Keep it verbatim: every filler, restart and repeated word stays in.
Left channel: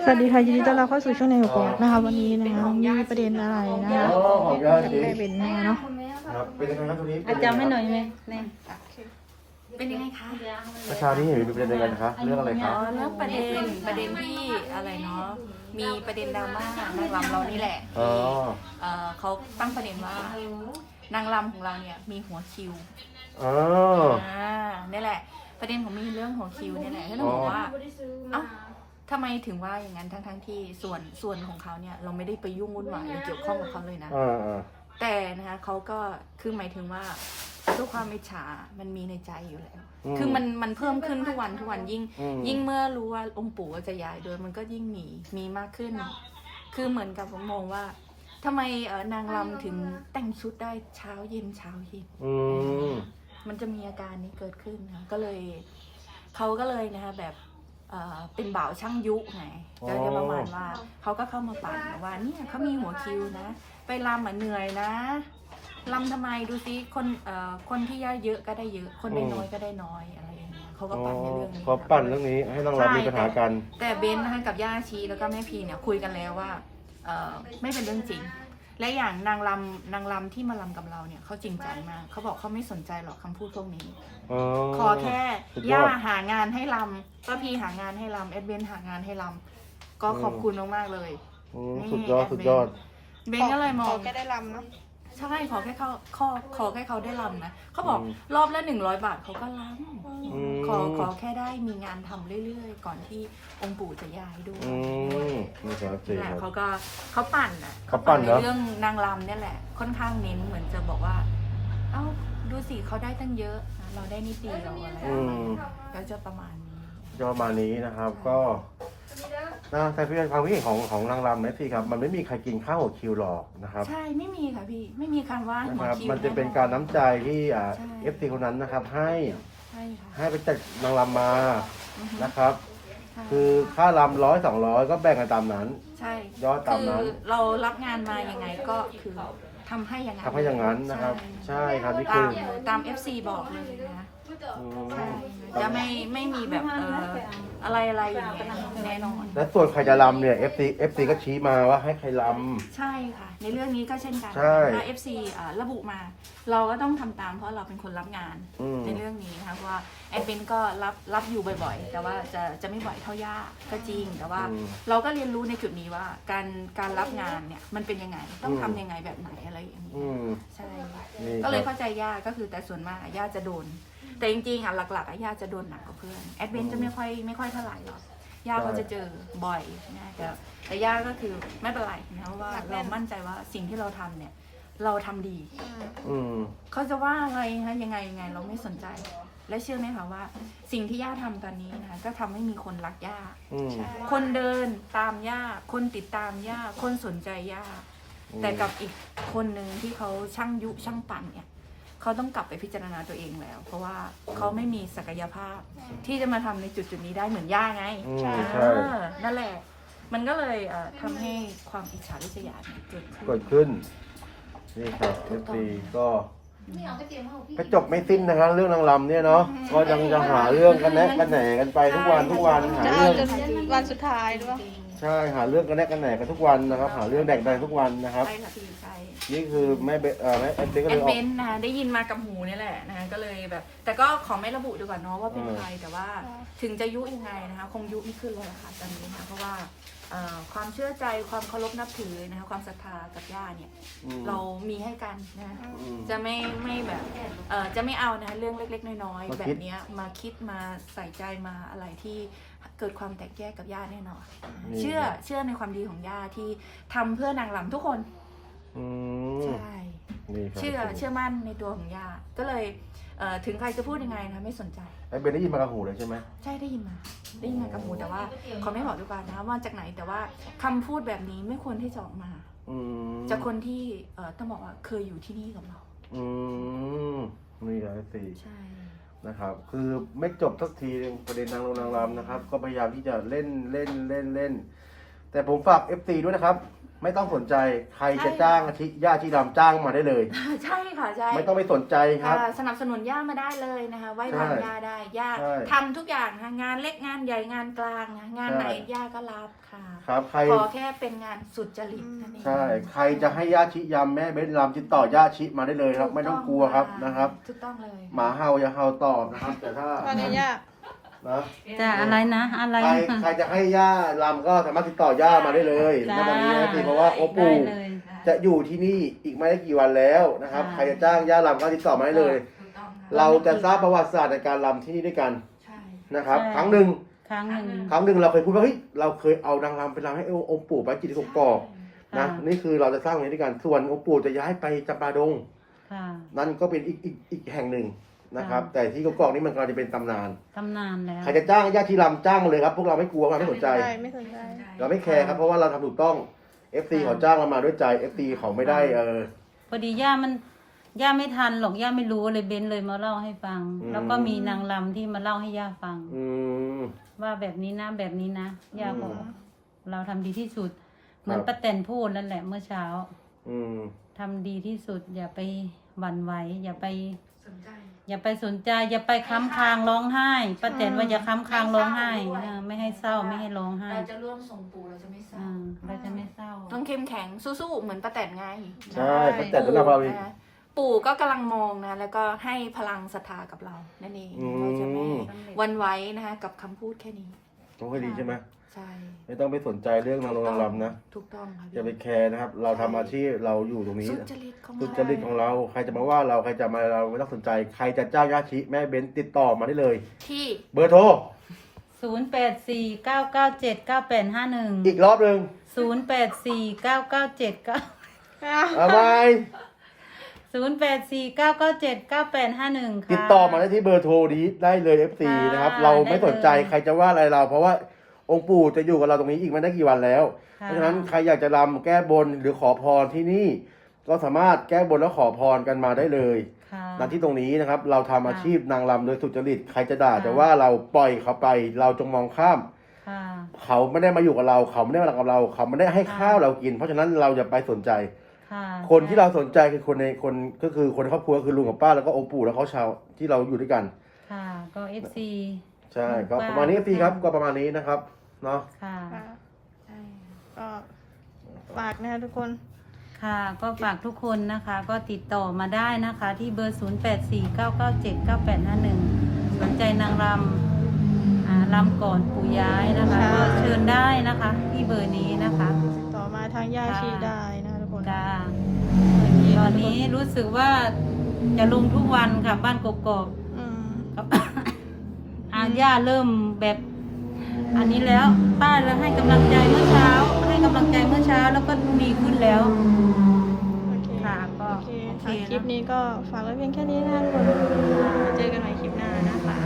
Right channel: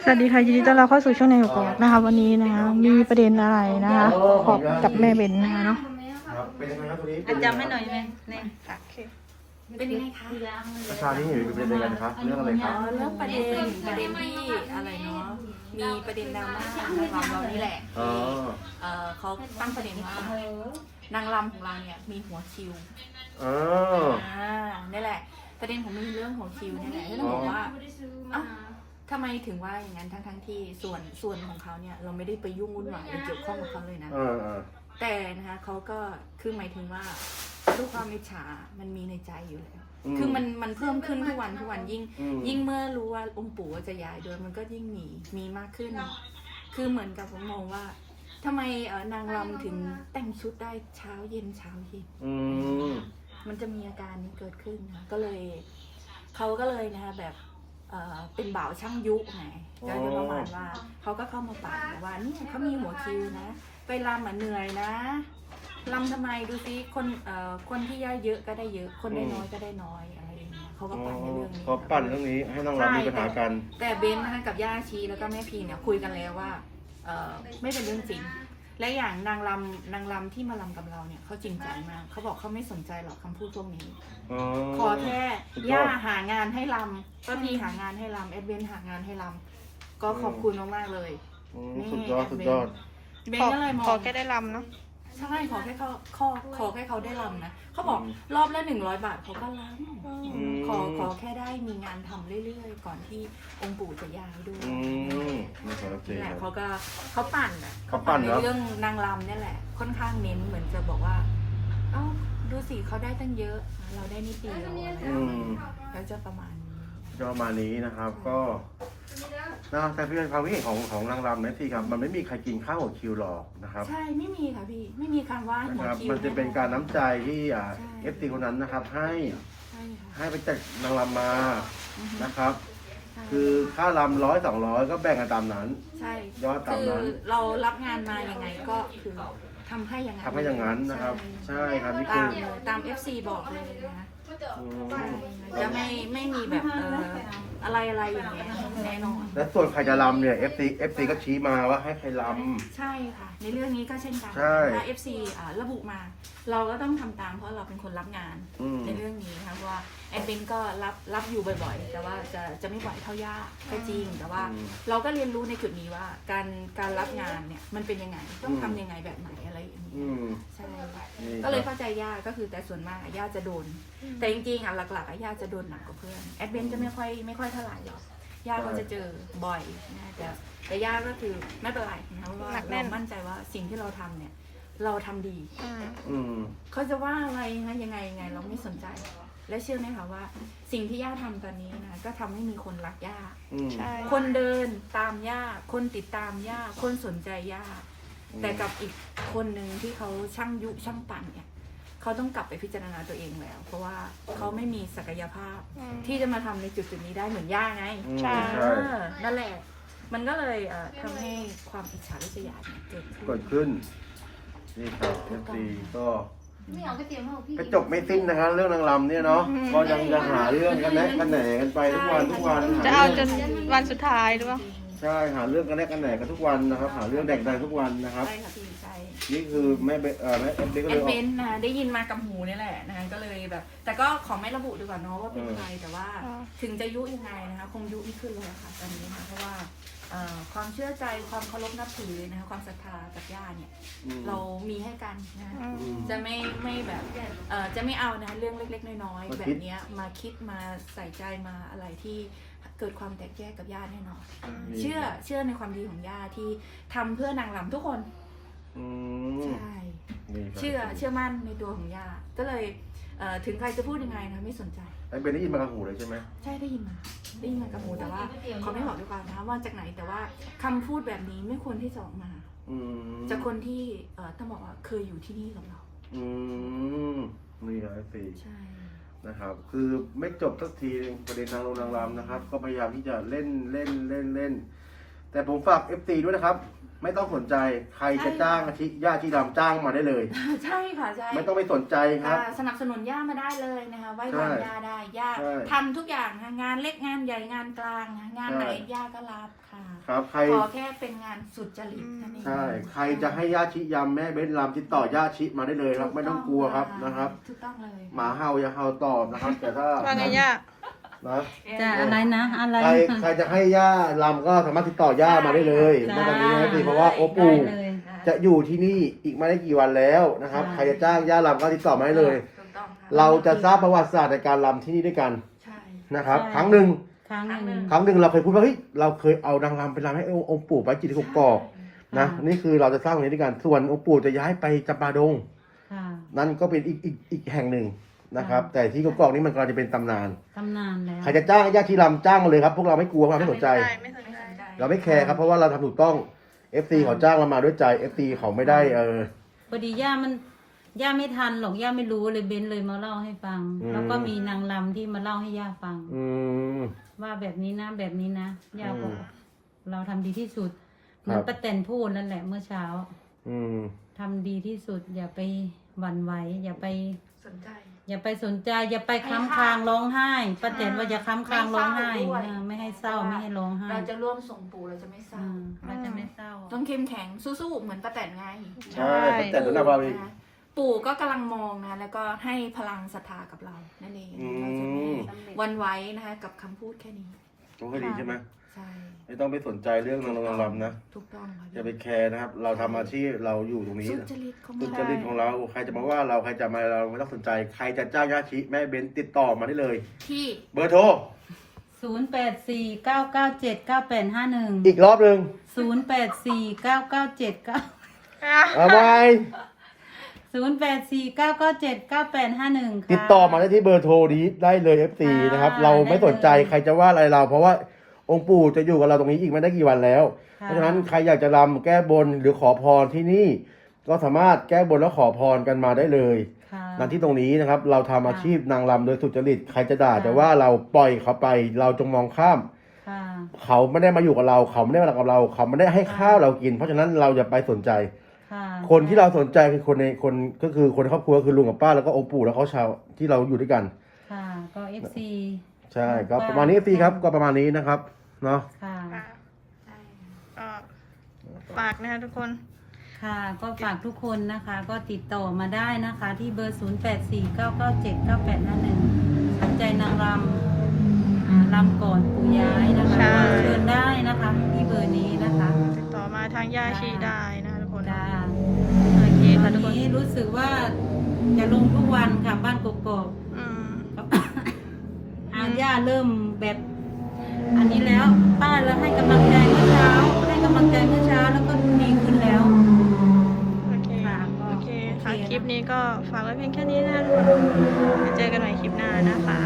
สวัสดีค่ะยินดีต้อนรับเข้าสู่ช่องในหัวกอกนะคะวันนี้นะคะมีประเด็นอะไรนะคะกับแม่เบนนะคะเนาะครับเป็นยังไงครับตรงนี้อาจารย์ไม่หน่อยไหมนี่เป็นยังไงคะราคาที่เห็นเป็นยังไงครับเรื่องอะไรคอ๋รัอบ เรื่องประเด็นประเด็นที่อะไรเนาะมีประเด็นดราม่านางรำเรานี่แหละอ๋อเอ่อเขาตั้งประเด็นว่านางรำของเราเนี่ยมีหัวคิวอ๋ออ่านี่แหละ ประเด็นของมีเรื่องหัวคิวนี่แหละที่ต้องบอกว่าเอ้าทำไมถึงว่าอย่างนั้นทั้งทั้งๆที่ส่วนส่วนของเขาเนี่ยเราไม่ได้ไปยุ่งวุ่นวายหรือเกี่ยวข้องกับเขาเลยนะอ่าอ่าแต่นะคะเขาก็คือหมายถึงว่าด้วยความอิจฉามันมีในใจอยู่แล้ว คือมันมันเพิ่มขึ้นทุกวันทุกวันยิ่ง ยิ่งเมื่อรู้ว่าองค์ปู่จะย้ายด้วยมันก็ยิ่งมีมีมากขึ้น คือเหมือนกับผมมองว่าทำไมเออนางรำถึงแต่งชุดได้เช้าเย็นเช้าเย็นอืมมันจะมีอาการนี้เกิดขึ้นนะก็เลยเขาก็เลยนะคะแบบเอ่อเป็นบ่าวช่างยุไงก็จะประมาณว่าเขาก็เข้ามาปั่นว่าเนี่ยเขามีหัวคิวนะ ไปรำอ่ะเหนื่อยนะรำทำไมดูซิคนเอ่อคนที่ได้เยอะก็ได้เยอะ คนได้น้อยก็ได้น้อยอะไรอย่างเงี้ยเขาก็ปั่นในเรื่องนี้เขาปั่นเรื่องนี้ให้น้องเรามีปัญหากันแต่เบนนะคะกับย่าชีแล้วก็แม่พีเนี่ยคุยกันแล้วว่าเอ่อไม่เป็นเรื่องจริง และอย่างนางรำนางรำที่มาลำกับเราเนี่ยเขาจริงจังมากเขาบอกเขาไม่สนใจหรอกคำพูดพวกนี้ ขอแค่ย่าหางานให้ลำป้าพีหางานให้ลำแอดเบนหางานให้ลำก็ขอบคุณมากๆเลยสุดยอดสุดยอดเบนก็เลยมองขอแค่ได้ลำเนาะใช่ขอแค่เขาขอขอแค่เขาได้ลำนะเขาบอกรอบละหนึ่งร้อยบาทเขาก็ลำขอขอแค่ได้มีงานทำเรื่อยๆ ก่อนที่องค์ปู่จะย้ายด้วยอืมนี่ก็โอเคนั่นแหคละรับเขาก็เขาปั่นอ่ะเขาเขาปั่ปั่นนในเหรอเรื่องนางรำเนี่ยแหละ ค่อนข้างเน้นเหมือนจะบอกว่า เอ้าดูสิเขาได้ตั้งเยอะ เราได้นิดเดียวอะไรออืย่างเงี้ยมก็จะประมาณนี้จะประมาณนี้นะครับ ก็นะแต่พี่เป็นความคิดเห็นของของนางรำนะพี่ครับ มันไม่มีใครกินข้าวกับคิวหรอกนะครับใช่ไม่มีค่ะพี่ไม่มีคำว่าหัวนะครับคิวมันจะเป็นการน้ำใจที่อ่าใช่เอฟซีคนนั้นนะครับ ให้ใช่ค่ะให้ไปจัดนางรำมาอือฮึนะครับใช่คือค่ารำร้อยสองร้อยก็แบ่งกันตามนั้นใช่ยอดตามคือนั้นเรารับงานมายังไงก็คือทำให้อย่างนั้นทำให้อย่างนั้นนะครับ ใช่ครับนี่คืตาอมตาม เอฟ ซี บอกเลยนะอืมใช่จะไม่ไม่มีแบบเอ่ออะไรอะไรอย่างเงี้ยแน่นอนและส่วนใครจะรำเนี่ย เอฟ ซี เอฟ ซี ก็ชี้มาว่าให้ใครรใช่ค่ะ ในเรื่องนี้ก็เช่นกันใช่ถ้า เอฟ ซี อ่าระบุมา เราก็ต้องทำตามเพราะเราเป็นคนรับงานอืมในเรื่องนี้นะคะเพราะว่าแอดเบนก็รับรับอยู่บ่อยๆ แต่ว่าจะจะไม่บ่อยเท่าย่าก็จริง แต่ว่าเราก็เรียนรู้ในจุดนี้ว่าการการรับงานเนี่ยมันเป็นยังไงต้องทำยังไงแบบไหนอะไรอย่างำนี้อืมใช่นี่ก็เลยเข้าใจย่าก็คือแต่ส่วนมากอะย่าจะโดน แต่จริงๆอ่ะหลักๆอะย่าจะโดนหนักกว่าเพื่อนแอดเบนจะไม่ค่อยไม่ค่อยเท่าไหร่หรอกย่าเขาจะเจอบ่อยนะแต่แต่ย่าก็คือไม่เป็นไรนะเพราะว่าเรามั่นใจว่าสิ่งที่เราทำเนี่ย เราทำดีอืมเขาจะว่าอะไรนะยังไงยังไงเราไม่สนใจ และเชื่อไหมคะว่า สิ่งที่ย่าทำตอนนี้นะคะก็ทำให้มีคนรักย่าอืมใช่คนเดินตามย่าคนติดตามย่าคนสนใจย่า แต่กับอีกคนหนึ่งที่เขาช่างยุช่างปั่นเนี่ยเขาต้องกลับไปพิจารณาตัวเองแล้ว เพราะว่าเขาไม่มีศักยภาพ ที่จะมาทำในจุดจุดๆนี้ได้เหมือนย่าไงอืมใช่เออนั่นแหละ มันก็เลยเอ่อทำให้ความอิจฉาริษยาเนี่ยเกิดขึ้นเกิดขึ้น นี่ครับ เอฟ ซี ก็กระจบไม่สิ้นนะครับ เรื่องนางรำเนี่ยเนาะก็ยังยังหาเรื่องกันแนกกันแหนกันไปทุกวันทุกวันหาจะเอาจเรื่องนวันสุดท้ายหรือเปล่าใช่หาเรื่องกันแนกกันแหนกันทุกวันนะครับ หาเรื่องแดกดันทุกวันนะครับใช่ค่ะพี่ใช่นี่คือไม่เบเอ่อไม่เอฟซีก็แอเลยดออเบกนนะได้ยินมากับหูนี่แหละนะคะก็เลยแบบ แต่ก็ขอไม่ระบุดีกว่าเนาะว่าเป็นใครแต่ว่าอ่าถึงจะยุยังไงนะคะคงยุไม่ขึ้นเลยละค่ะตอนนี้นะเพราะว่าเอ่อความเชื่อใจความเคารพนับถือนะคะความศรัทธากับย่าเนี่ยอืมเรามีให้กันนะอืมจะไม่ไม่แบบเอ่อจะไม่เอานะคะเรื่องเล็กๆน้อยๆมาแบคิดบเนี้ยมาคิดมาใส่ใจมาอะไรที่เกิดความแตกแยกกับย่าแน่นอนนี่เชื่อเชื่อในความดีของย่าที่ทำเพื่อนางรำทุกคนอืมใช่นี่ครับเชื่อเชื่อมั่นในตัวของย่าก็เลยเอ่อถึงใครจะพูดยังไงนะไม่สนใจไอ้เบนได้ยินมากับหูเลยใช่ไหมใช่ได้ยินมาได้ยินมากับหูแต่ว่าเขาไม่บอกดีกว่านะว่าจากไหนแต่ว่าคำพูดแบบนี้ไม่ควรที่จะออกมาอืมจากคนที่เอ่อต้องบอกว่าเคยอยู่ที่นี่กับเราอืมนี่ครับสี่ใช่นะครับ คือไม่จบสักทีหนึงประเด็นนางลงนางรำนะครับ ก็พยายามที่จะเล่นเล่นเล่นเล่น แต่ผมฝาก เอฟ ซี ด้วยนะครับไม่ต้องสนใจใครจะจ้างอาชีญาชีดำจ้างมาได้เลยใช่ค่ะใช่ไม่ต้องไปสนใจครับค่ะสนับสนุนย่ามาได้เลยนะคะไหว้วานใช่ย่าได้ย่าใช่ทำทุกอย่างนะคะงานเล็กงานใหญ่งานกลางนะงานใช่ไหนย่าก็รับค่ะครับใครขอแค่เป็นงานสุจริตนั่นเองใช่ใครจะให้ญาชิยำแม่เบสลำติดต่อญาชิมาได้เลยครับ ไม่ต้องกลัวครับนะครับถูกต้องเลยหมาเห่าอย่าเห่าตอบนะครับแต่ถ้าว่าไงย่านะจะอะไรนะอะไรใครใครจะให้ย่าลำก็สามารถติดต่อย่ามาได้เลยจ้าณตอนนี้นะครับเพราะว่าโอได้ปูเลยจะอยู่ที่นี่อีกไม่ได้กี่วันแล้วนะครับค่ะใครจะจ้างย่าลำก็ติดต่อมาได้เลยถูกต้องค่ะเราจะทราบประวัติศาสตร์ในการลำที่นี่ด้วยกันใช่นะครับใช่ครั้งหนึ่งครั้งหนึ่งครั้งหนึ่งเราเคยพูดว่าเฮ้ยเราเคยเอานางรำไปรำให้องค์ปู่ไปจิตรกกอกนะค่ะนี่คือเราจะสร้างอย่างนี้ด้วยกันส่วนองค์ปู่จะย้ายไปจำปาดงค่ะนั่นก็เป็นอีกอีกอีกแห่งหนึ่งนะครับค่ะแต่ที่กกอกนี่มันกำลังจะเป็นตำนานตำนานแล้วใครจะจ้างญาติที่รำจ้างมาเลยครับ พวกเราไม่กลัวไม่สนใจไม่สนใจเราไม่แคร์ครับเพราะว่าเราทำถูกต้อง เอฟ ซี เขาจ้างเรามาด้วยใจ เอฟ ซี เขาไม่ได้เออพอดีย่ามันย่าไม่ทันหรอกย่าไม่รู้เลยเบนเลยมาเล่าให้ฟังอืมแล้วก็มีนางรำที่มาเล่าให้ย่าฟังอืมว่าแบบนี้นะแบบนี้นะย่าบอกอืมเราทำดีที่สุด เหมือนครับป้าแตนพูดนั่นแหละเมื่อเช้าอืมทำดีที่สุด อย่าไปหวั่นไหวอย่าไปสนใจอย่าไปสนใจ อย่าไปค้ำคางร้องไห้ป้าแตนว่าอย่าค้ำคางร้องไห้ไม่เศร้าด้วยเออไม่ให้เศร้าไม่ให้ร้องไห้เราจะร่วมส่งปู่เราจะไม่เศร้าอืมเราจะไม่เศร้าต้องเข้มแข็งสู้ๆเหมือนป้าแตนไงใช่แต่สำหรับเราเองนะปู่ก็กำลังมองนะ แล้วก็ให้พลังศรัทธากับเรา นั่นเองอืมเราจะไม่หวันไหว้นะคะกับคำพูดแค่นี้ต้องให้ดีใช่ไหมใช่ไม่ต้องไปสนใจเรื่องนางรำรำนะถูกต้องค่ะอย่าไปแคร์นะครับ เราทำอาชีพเราอยู่ตรงนี้สุนะจริตของสุเราจริตของเรา ใครจะมาว่าเราใครจะมาเราไม่ต้องสนใจ ใครจะจ้างญาติแม่เบนติดต่อมาได้เลยที่เบอร์โทรศูนย์แปดสี่เก้าเก้าเจ็ดเก้าแปดห้าหนึ่งอีกรอบหนึ่งศูนย์แปดสี่เก้าเก้าเจ็ดเก้าเอาไว้ศูนย์แปดสี่เก้าเก้าเจ็ดเก้าแปดห้าหนึ่งค่ะติดต่อมาได้ที่เบอร์โทรนี้ได้เลย เอฟ ซีค่ะนะครับ เราไม่สนใจได้เลยใครจะว่าอะไรเรา เพราะว่าองค์ปู่จะอยู่กับเราตรงนี้อีกไม่ได้กี่วันแล้วค่ะเพราะฉะนั้นใครอยากจะรำแก้บนหรือขอพรที่นี่ ก็สามารถแก้บนและขอพรกันมาได้เลยค่ะณที่ตรงนี้นะครับ เราทำอาชีพนางรำโดยสุจริตใครจะด่าค่ะแต่ว่าเราปล่อยเขาไป เราจงมองข้ามค่ะเขาไม่ได้มาอยู่กับเรา เขาไม่ได้มารักกับเรา เขาไม่ได้ให้ค่ะข้าวเรากิน เพราะฉะนั้นเราอย่าไปสนใจค่ะคนที่เราสนใจคือคนในคนก็คือคนในครอบครัวคือลุงกับป้าแล้วก็องค์ปู่แล้วเขาชาวที่เราอยู่ด้วยกันค่ะก็เอฟซีใช่ก็ป้าประมาณนี้พี่ครับก็ประมาณนี้นะครับเนาะค่ะค่ะใช่ก็ฝากนะคะทุกคนค่ะก็ฝากทุกคนนะคะ ก็ติดต่อมาได้นะคะ ที่เบอร์ศูนย์แปดสี่เก้าเก้าเจ็ดเก้าแปดห้าหนึ่งสนใจนางรำอ่ารำก่อนปู่ย้ายนะคะใช่ก็เชิญได้นะคะ ที่เบอร์นี้นะคะติดต่อมาทางย่าชีได้นะคะทุกคนจ้าโอเคตอค่ะนทุกคนนี้รู้สึกว่าจะลงทุกวันค่ะบ้านกกอกอืมๆครับ อาย่าเริ่มแบบ อันนี้แล้ว ป้าแล้วให้กำลังใจเมื่อเช้า ให้กำลังใจเมื่อเช้าแล้วก็ดีขึ้นแล้วโอเคค่ะก็โอเคค่ะโอเคนะคลิปนี้ก็ฝากไว้เพียงแค่นี้นะคะทุกคนเจอกันใหม่คลิปหน้านะคะ